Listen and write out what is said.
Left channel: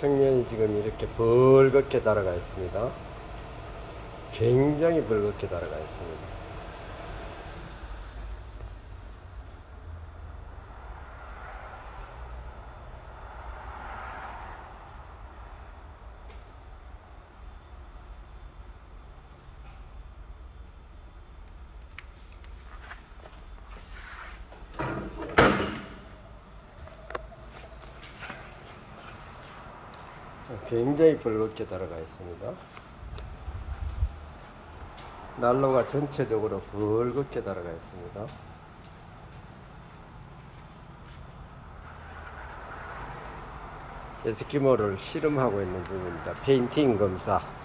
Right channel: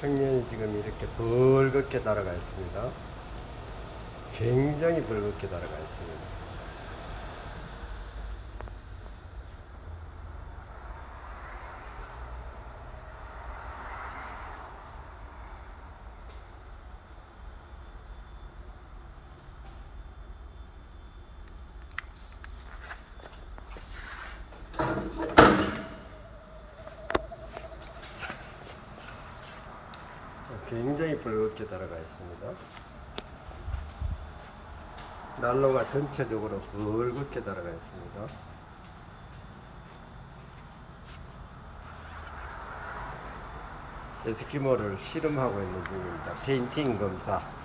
청년이 지금 이렇게 벌겋게 달아가 있습니다. 굉장히 벌겋게 달아가 있습니다. 굉장히 벌겋게 달아가 있습니다. 난로가 전체적으로 벌겋게 달아가 있습니다. 에스키모를 실험하고 있는 중입니다. 페인팅 검사.